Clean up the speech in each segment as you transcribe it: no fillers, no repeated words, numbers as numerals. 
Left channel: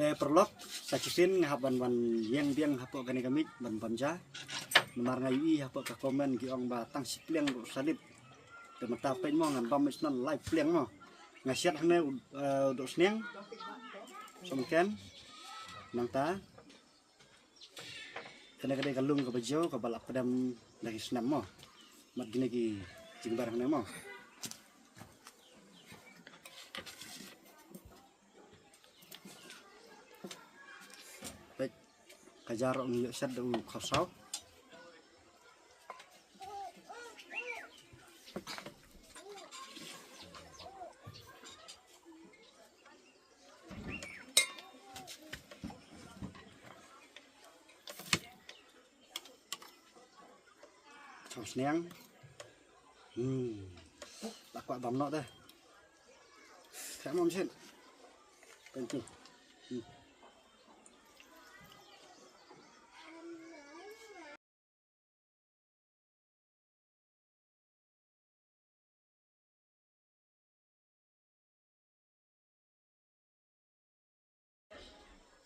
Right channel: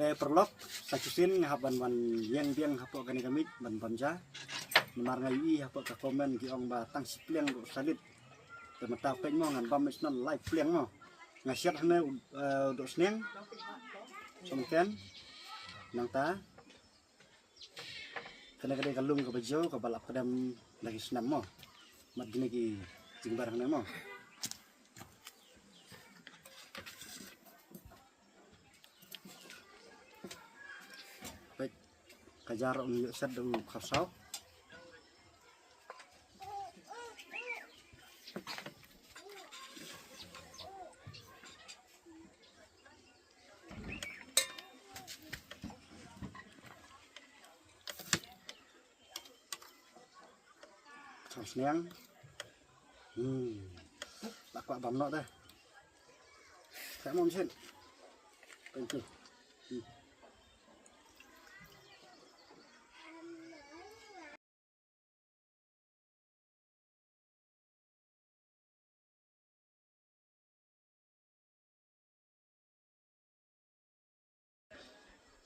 Te perlok sacusin haban wan yang hapo gani kami ban banja nomar ngai hapo ka komen ki ong ba tang sipleng ro salit te mata pen mo ngan bam isnan live pleng mo ngasiat hne do sneng somken nang ta kena kade kalung ka bajo ka balap pedam lagi senam mo mat gini ki jingbar hne mo kajar ong yuk set du khasau khau sneng lakwa bam no dah tak mau mesin pencu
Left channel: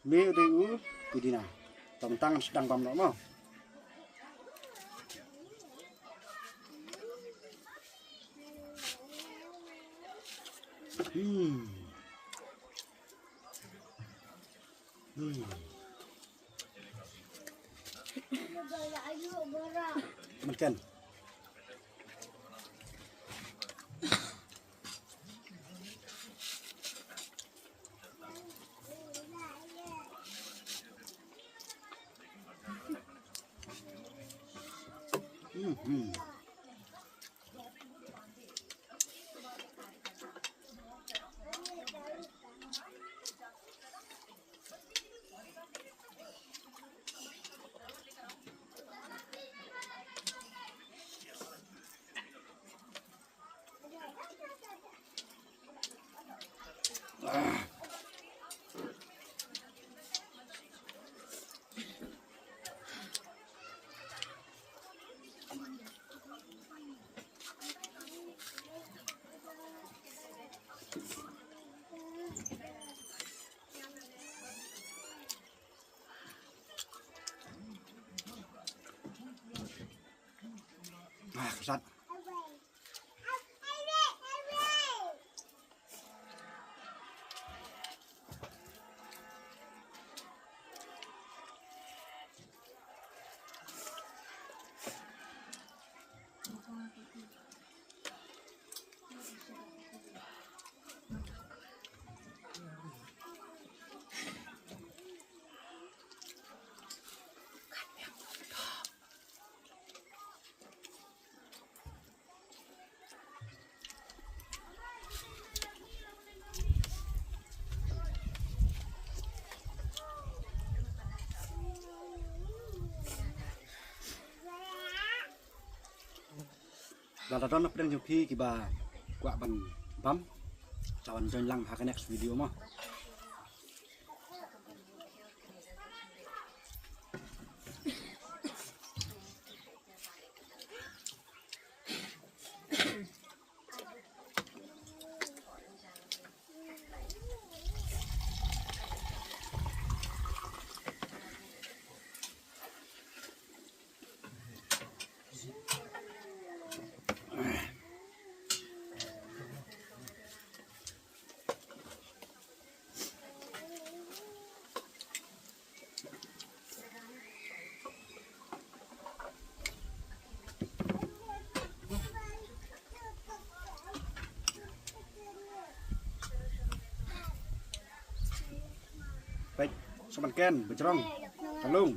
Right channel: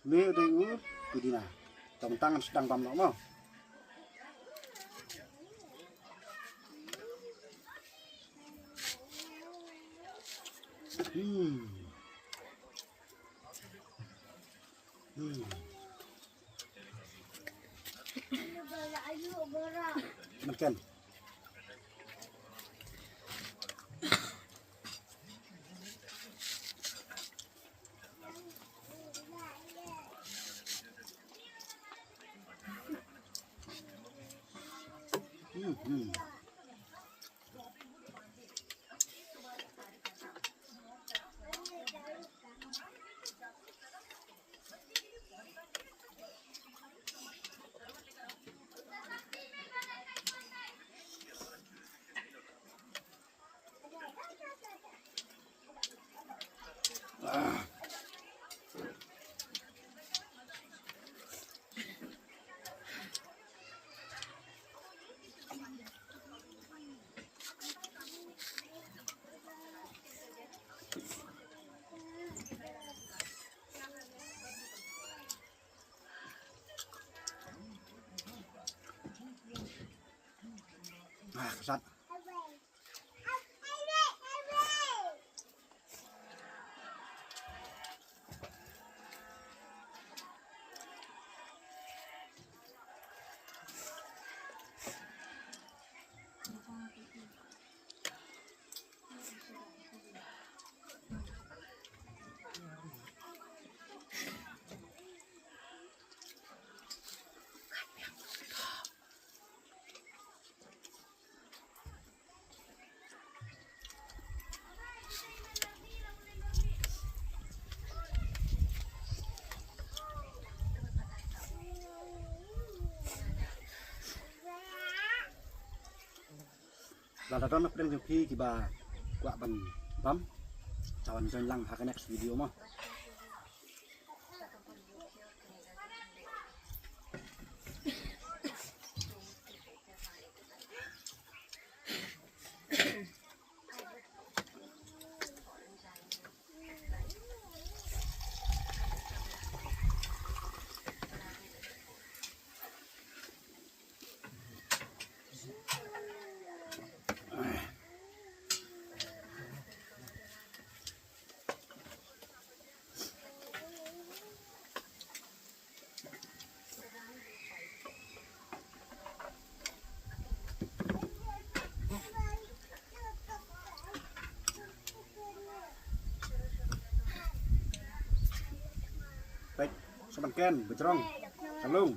Mê đây u đi nào tổng tăng sedang bam no mo makan kesat Lada don pedang jupi kiba gua ban bam cawan join lang hak next video mah baik semanken becerong kalung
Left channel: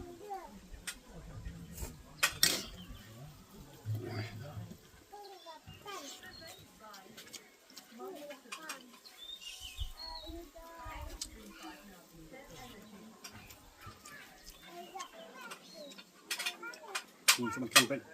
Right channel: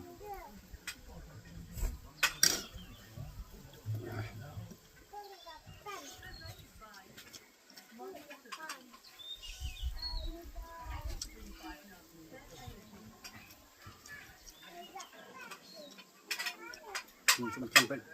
semanken baik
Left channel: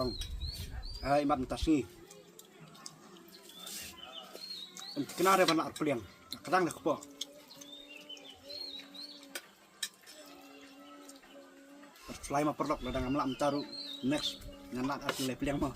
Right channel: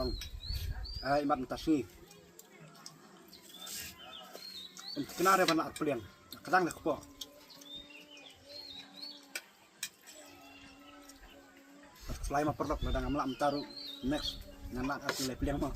tong ai mat mutasi kenare bana pliang kadang le kepo selain ma perlok ladang amla mtaru next nganak as le pliang mo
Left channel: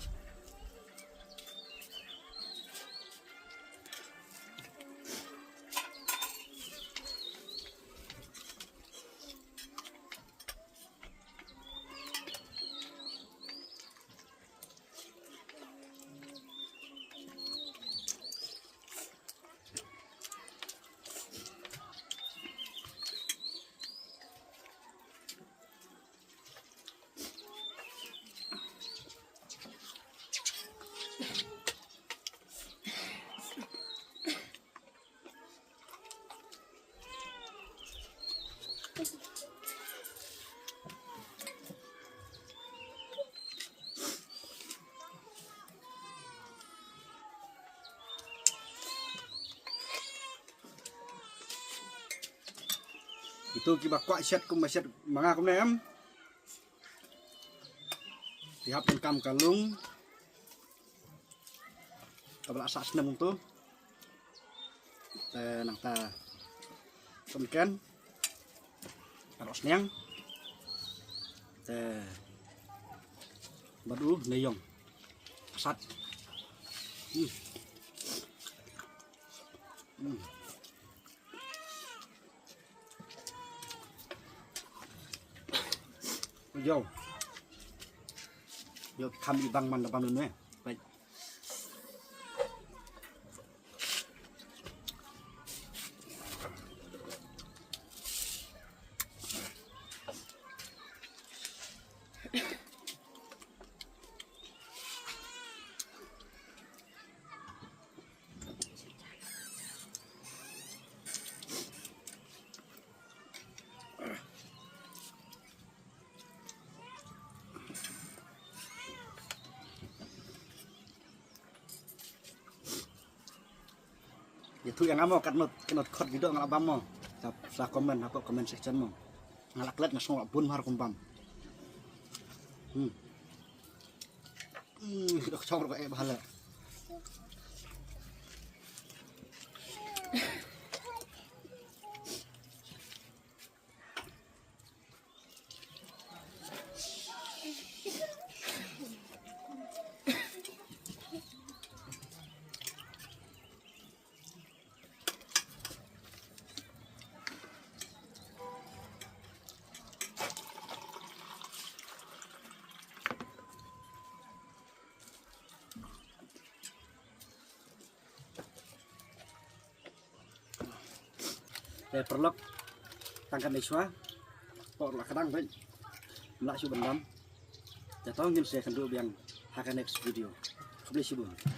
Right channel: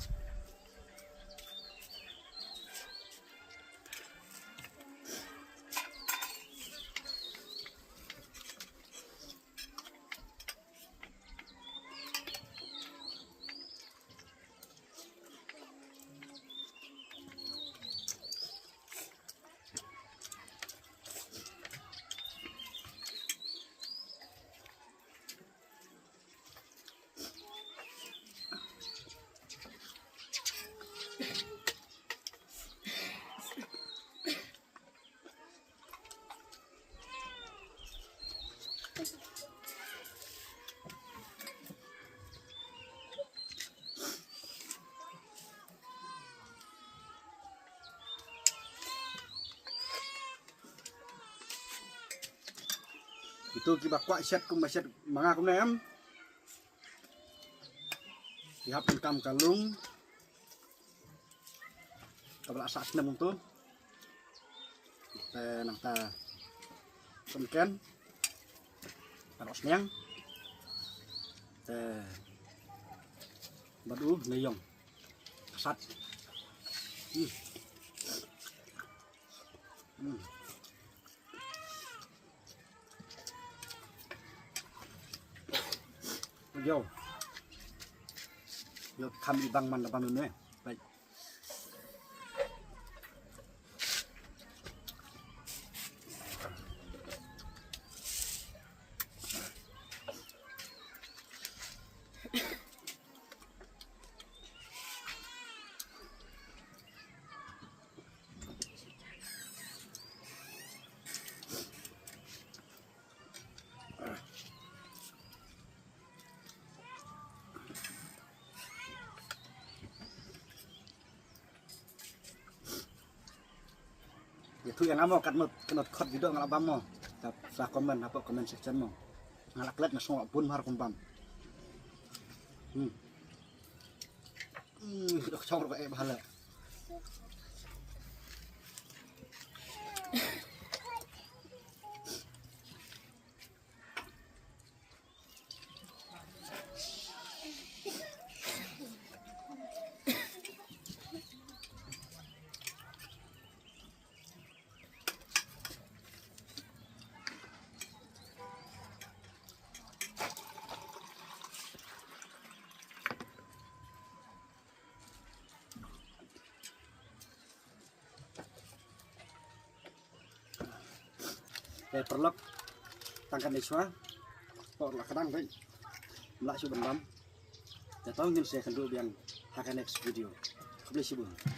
itu kiba kwak set kum set manga kum nem dihapun kam kalung kabla asa senam tu nang ta sumken taros niang badu neyong asat yo kam ibang man bang ne baik itu yang amo kanot khot video ngalabam mo sa komen apa comment section mo ngalaklet na song pun har kumpam dok chawr ka e bahala perlok tangkan iswa por la kadang baik melak subendam jatuh ngin saya kendu yang akan next video. Kebeli subun.